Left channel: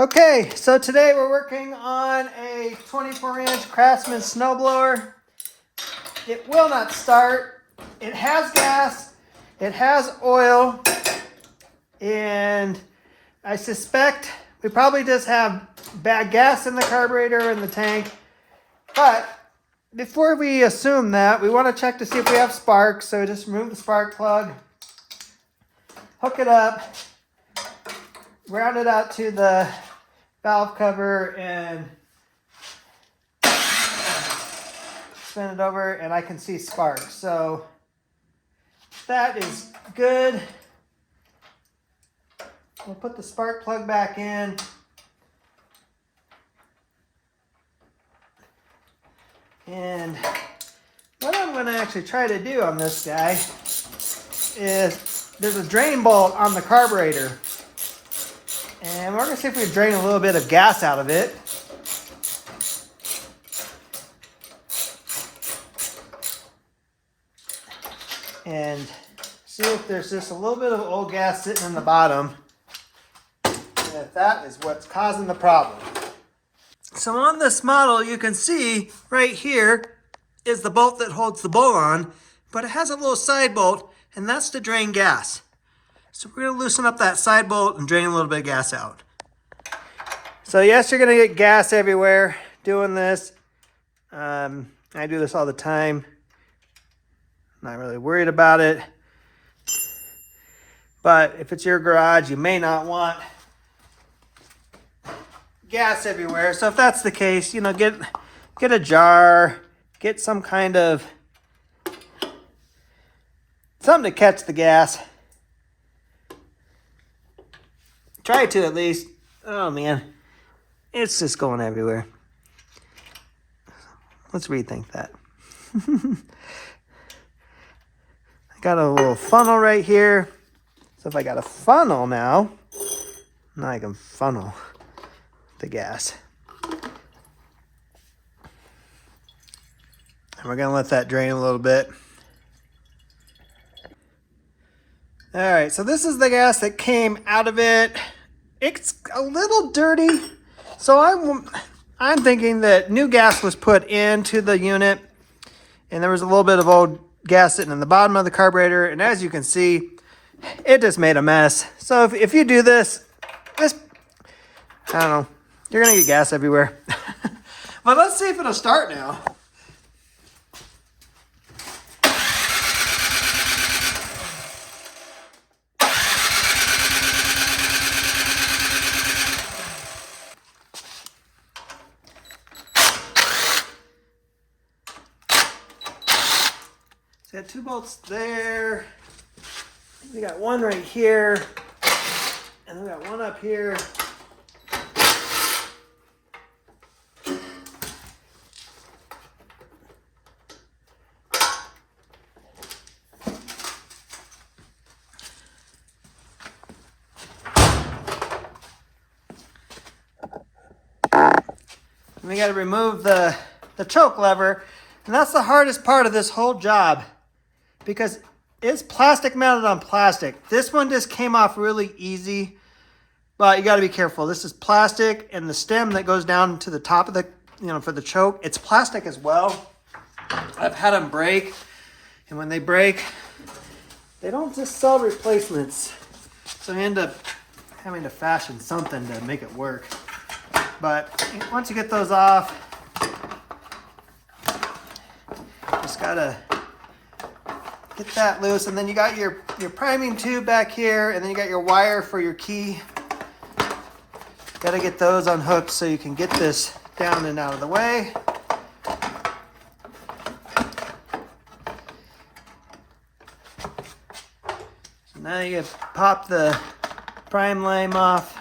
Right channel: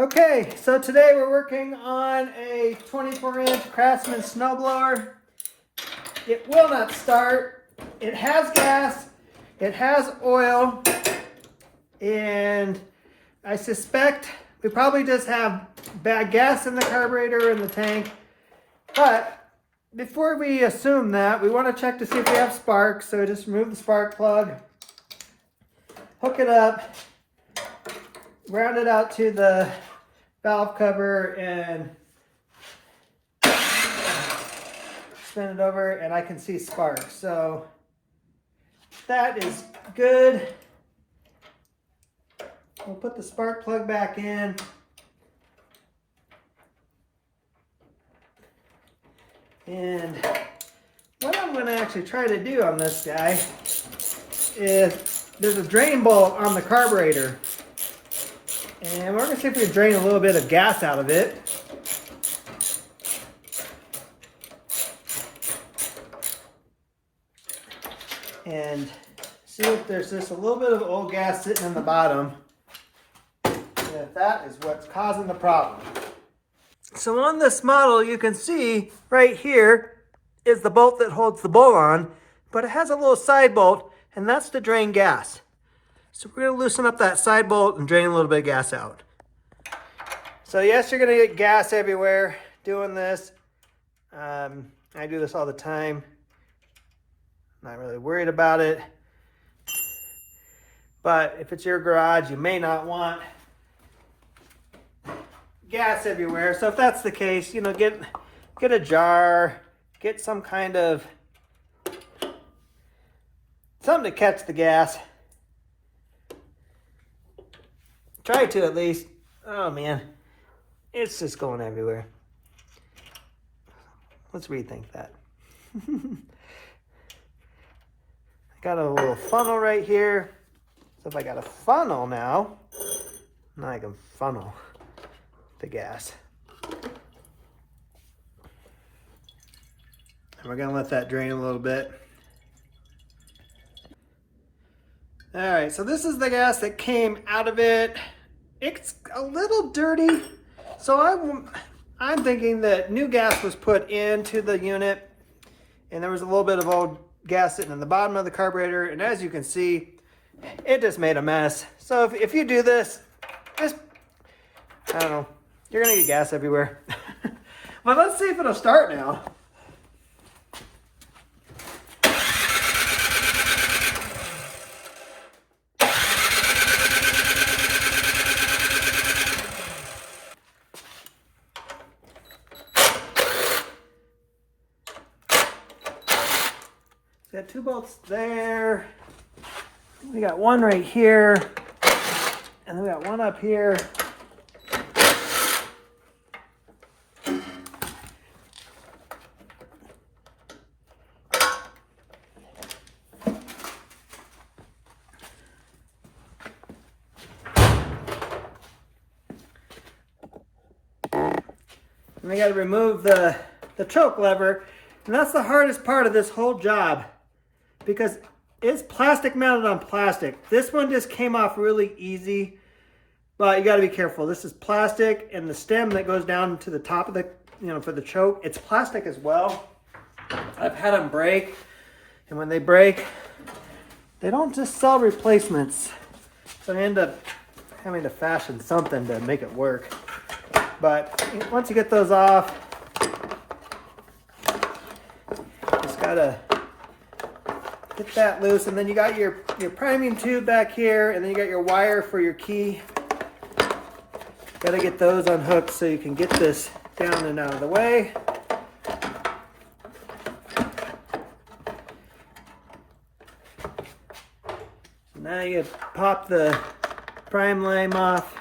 Okay, so today we're working on a 24-inch Craftsman Snowblower. It will not start. It has gas, it has oil, and I suspect we probably just have bad gas in the carburetor in the tank. But before we assume that, we want to check to see if we have sparks. So we just remove the spark plug, hook it up, ground it out to the valve cover, and spin it over, and I can see sparks. So that is good. We'll put the spark plug back in. And what I'm going to actually try to do on this guy is there's a drain bolt on the carburetor. And we're going to see if we can drain a little bit of gas out of it. And see if there's just a little bit of old gas sitting in the bottom. And if that is what's causing the problem. So on this model, you can see right here is the bolt that holds the bowl on, but it has a little side bolt, and that's to drain gas. So we're going to loosen up that side bolt and drain a little bit of gas out. So yes, you're going to get gas everywhere doing this. I do this all the time. Not really worried about it. But if it's your garage, you may not want gas everywhere. So if that's the case, you know, get a jar, get some kind of something to catch the gas. Try to at least. Oh man, it's just going everywhere. Let's rethink that. I got a little funnel right here. So if I got a funnel now I can funnel the gas. And we're gonna let that drain a little bit. All right, so this is the gas that came out of it. It's a little dirty, so I'm thinking that new gas was put into the unit, and there was a little bit of old gas sitting in the bottom of the carburetor, and as you can see, it just made a mess. So if you do this, I don't know, you're gonna get gas everywhere. But let's see if it'll start now. So got 2 bolts there. We got one right here, and then we got one up here. And we got to remove the choke lever, and that's the hardest part of this whole job because it's plastic mounted on plastic. This one just came off really easy, but you got to be careful. This is plastic, and the stem that goes down to the top of the, for the choke, it's plastic as well. I've had them break, and when they break, they don't just sell replacements. So I end up having to fashion something to make it work. But once you get those off, just gotta get that loose, and then you got your priming tube back here, and then you got your wire for your key. Gotta get those unhooked so you can get this down and out of the way. So now you pop the prime lime off.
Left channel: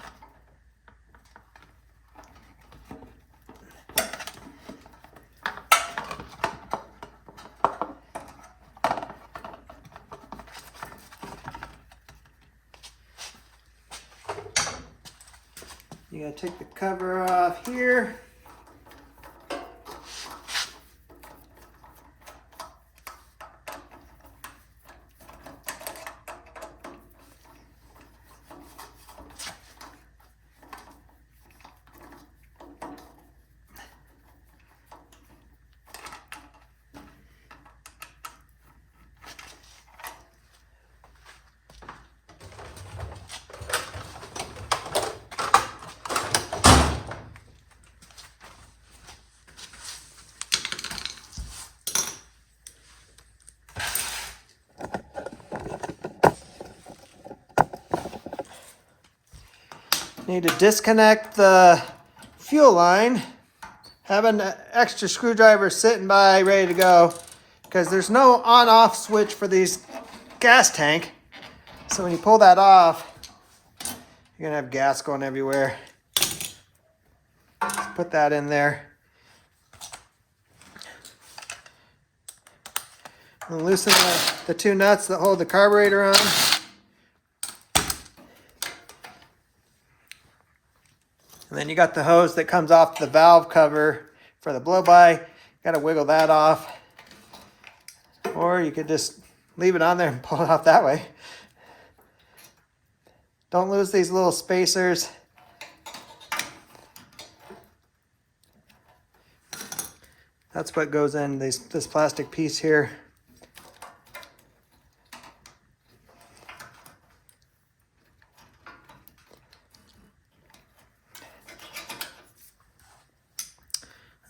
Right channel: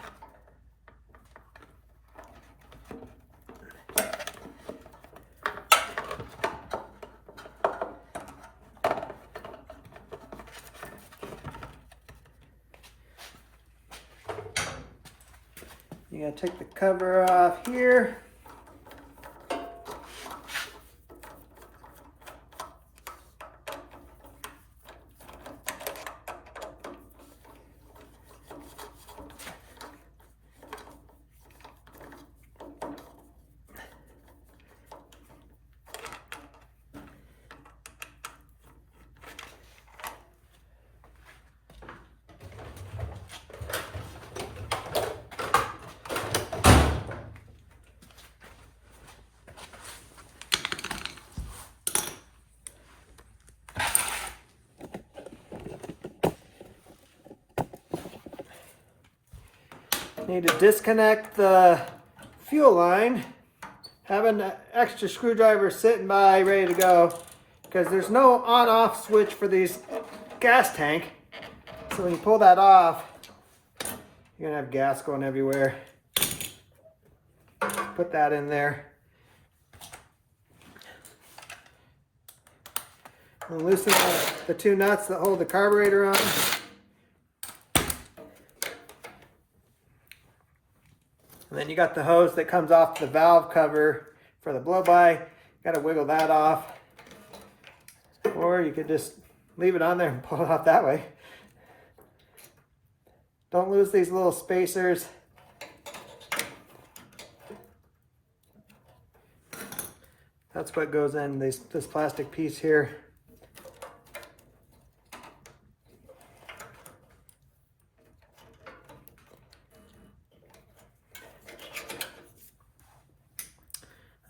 You gotta take the cover off here. Need to disconnect the fuel line. Have an extra screwdriver sitting by ready to go because there's no on-off switch for these gas tank. So when you pull that off, you're gonna have gas going everywhere. Let's put that in there. And loosen the two nuts that hold the carburetor on. And then you got the hose that comes off the valve cover for the blow-by. Got to wiggle that off. Or you could just leave it on there and pull it off that way. Don't lose these little spacers. That's what goes in this plastic piece here.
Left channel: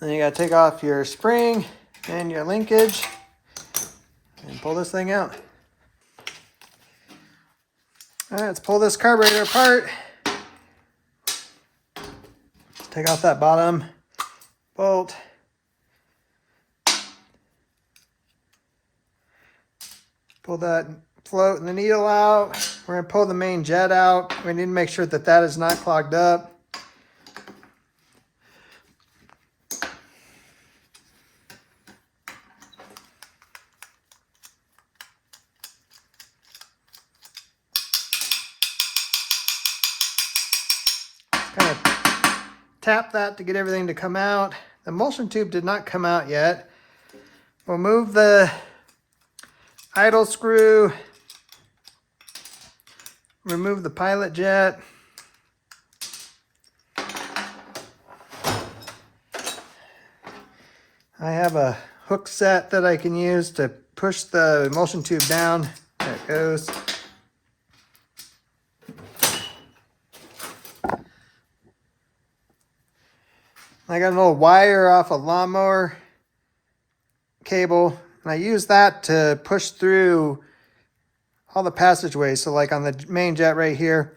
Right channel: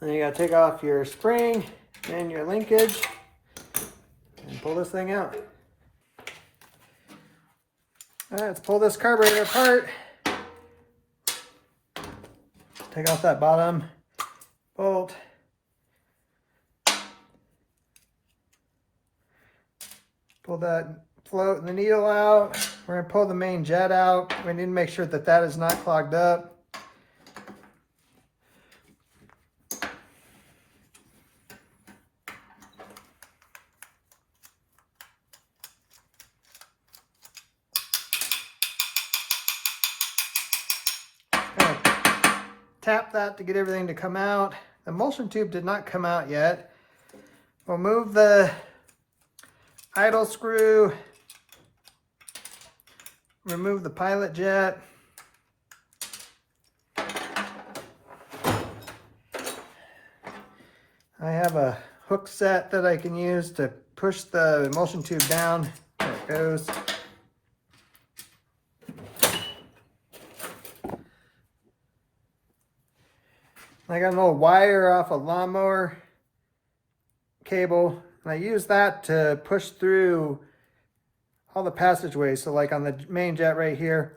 Then you gotta take off your spring and your linkage and pull this thing out. All right, let's pull this carburetor apart. Let's take off that bottom bolt. Pull that float and the needle out. We're gonna pull the main jet out. We need to make sure that that is not clogged up. Tap that to get everything to come out. The emulsion tube did not come out yet. We'll move the idle screw, remove the pilot jet. I have a hook set that I can use to push the emulsion tube down. There it goes. I got a little wire off a lawnmower cable, and I use that to push through all the passageways. So like on the main jet right here.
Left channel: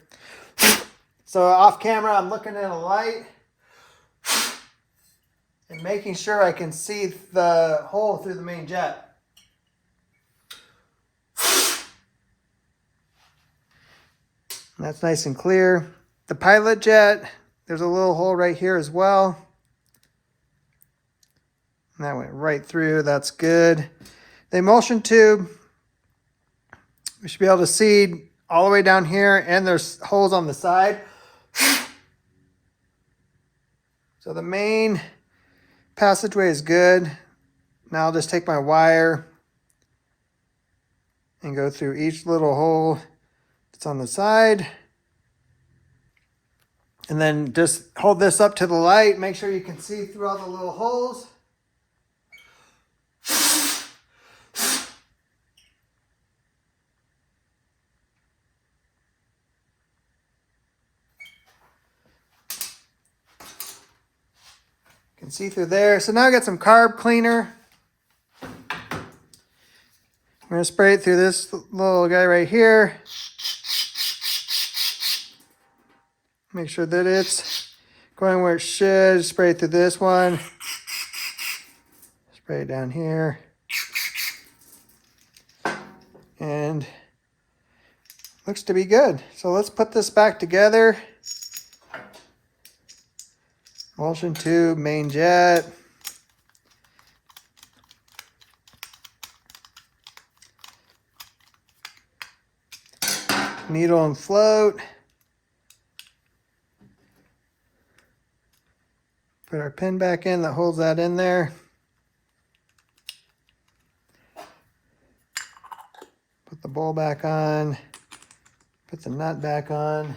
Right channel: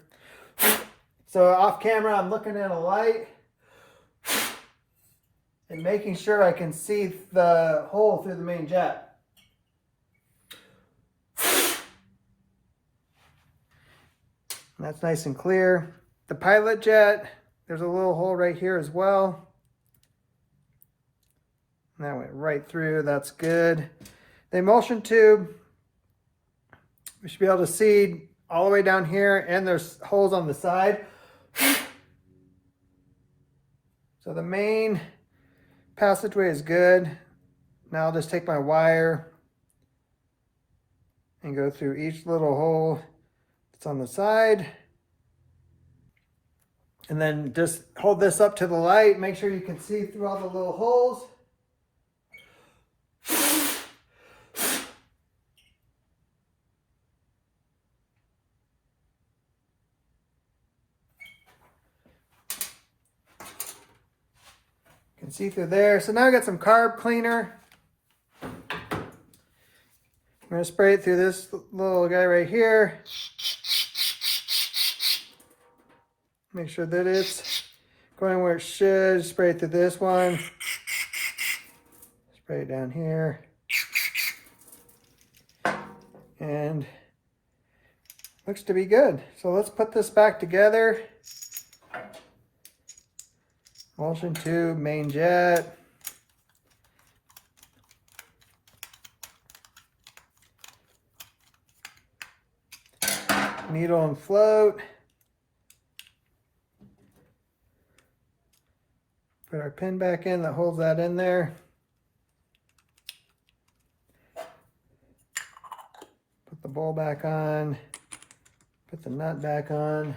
So off camera, I'm looking at a light and making sure I can see the hole through the main jet. And that's nice and clear. The pilot jet, there's a little hole right here as well. And that went right through, that's good. The emulsion tube, we should be able to see all the way down here, and there's holes on the side. So the main passageway is good. Now I'll just take my wire and go through each little hole that's on the side. And then just hold this up to the light, make sure you can see through all the little holes. Can see through there. So now I got some carb cleaner. I'm going to spray it through this little guy right here. Make sure that it's going where it should. Spray it through this one. Spray it down here. And looks to be good. So let's put this back together. Emulsion tube, main jet. Needle and float. Put our pin back in that holds that in there. Put the bowl back on. Put the nut back on.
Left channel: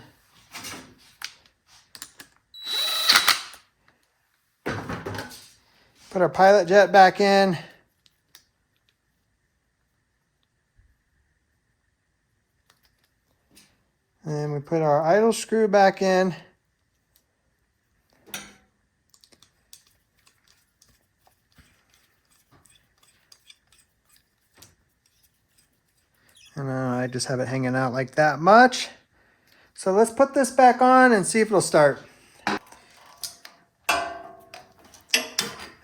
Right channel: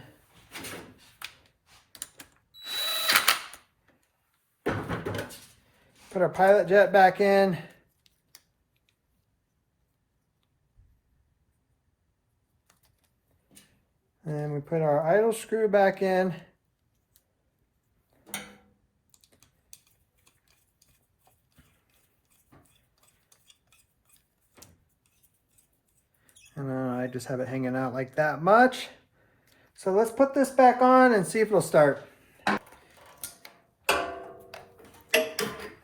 Put our pilot jet back in. And then we put our idle screw back in. And I just have it hanging out like that much. So let's put this back on and see if it'll start. All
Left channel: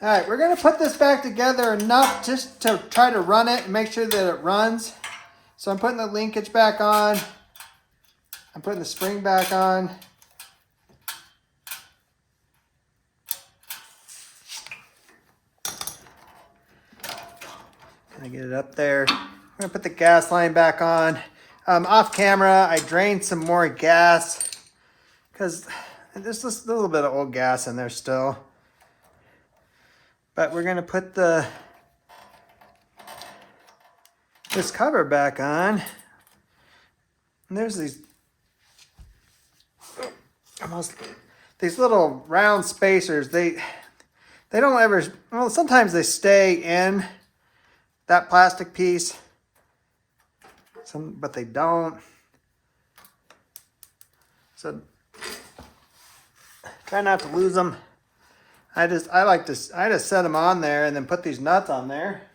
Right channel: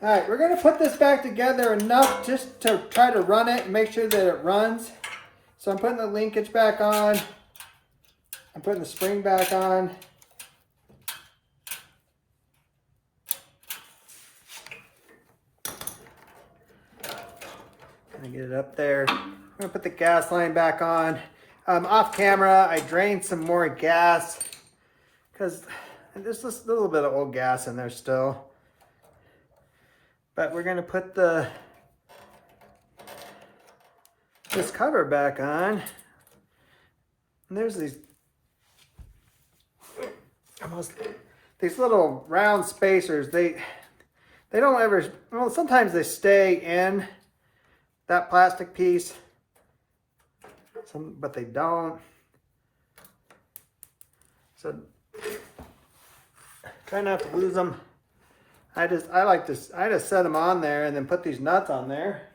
right, we're gonna put this back together enough just to try to run it and make sure that it runs. So I'm putting the linkage back on. I'm putting the spring back on. Gonna get it up there. I'm gonna put the gas line back on. Off camera, I drained some more gas because there's just a little bit of old gas in there still. But we're gonna put this cover back on. And there's these little round spacers. They don't ever, well, sometimes they stay in that plastic piece, but they don't. So try not to lose them. I just set them on there and then put these nuts on there,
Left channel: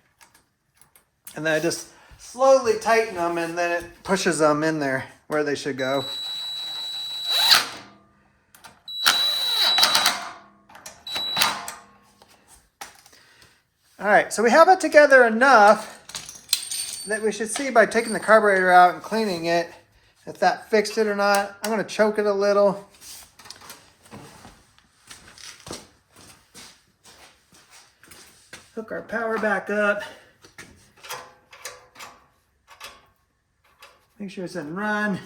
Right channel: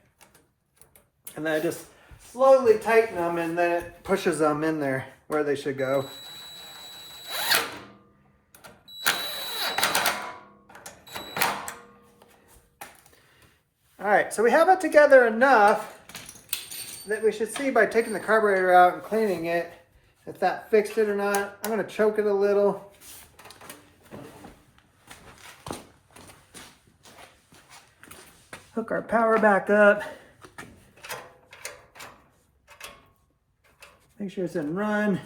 and then I just slowly tighten them, and then it pushes them in there where they should go. All right, so we have it together enough that we should see by taking the carburetor out and cleaning it if that fixed it or not. I'm going to choke it a little. Hook our power back up. Make sure it's in run.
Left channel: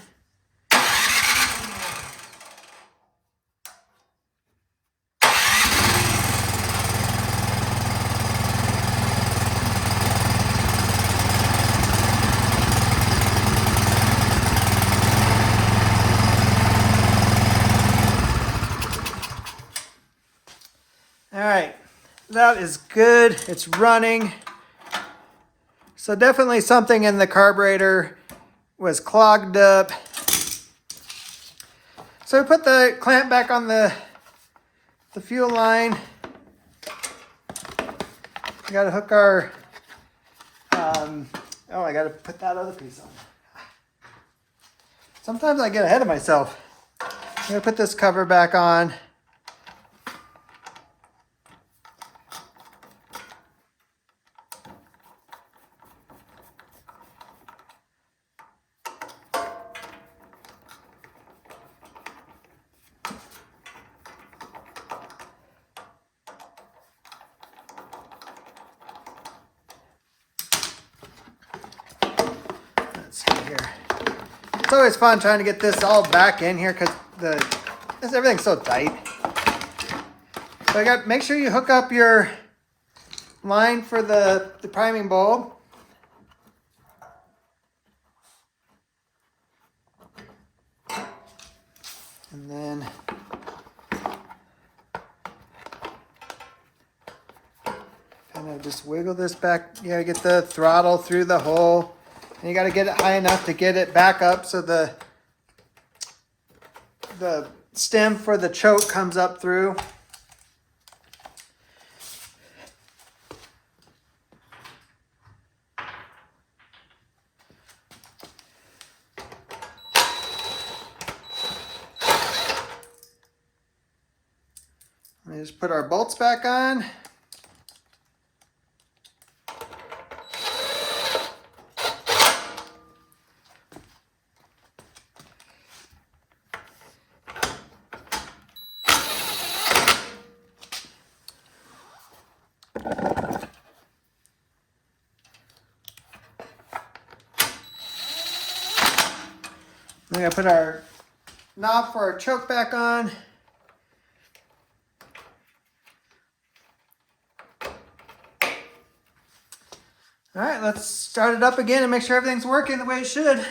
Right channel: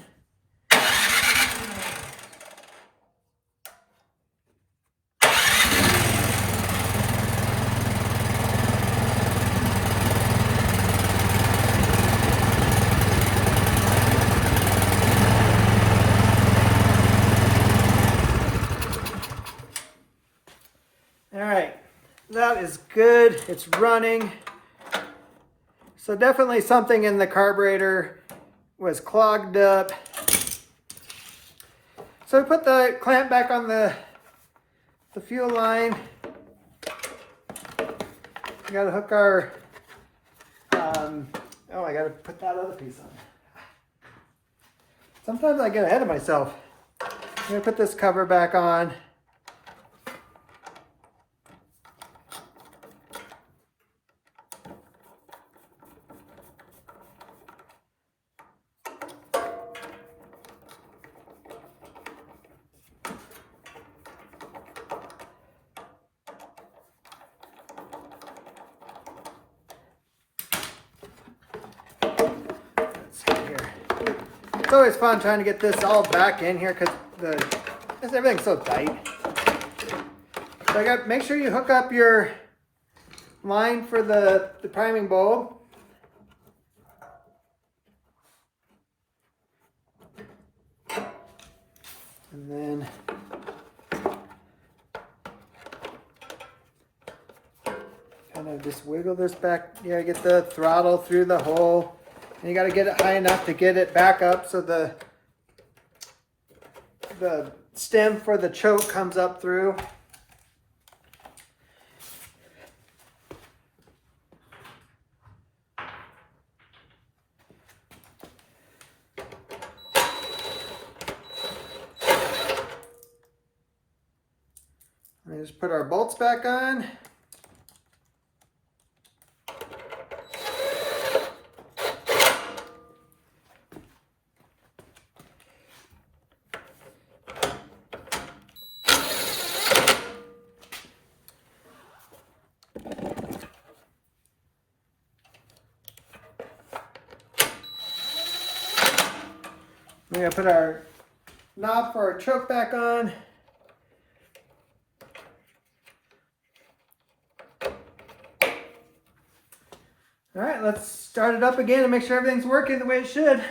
All right, that is good. It's running. So definitely something in the carburetor was clogged up. So we put the clamp back on the fuel line. We gotta hook our, oh, I gotta put that other piece on. Sometimes I get ahead of myself. I'm gonna put this cover back on. It's always fun trying to get this all back in here because everything's so tight. So make sure you hook up your line for the priming bulb. And then kind of just wiggle this back. You gotta get the throttle through the hole. And you got to get it high enough to get it back up so the stem for the choke comes up through. Let me just put our bolts back on. We're going to put our knob for our choke back on. All right, let's start it up again and make sure everything's working the way it should.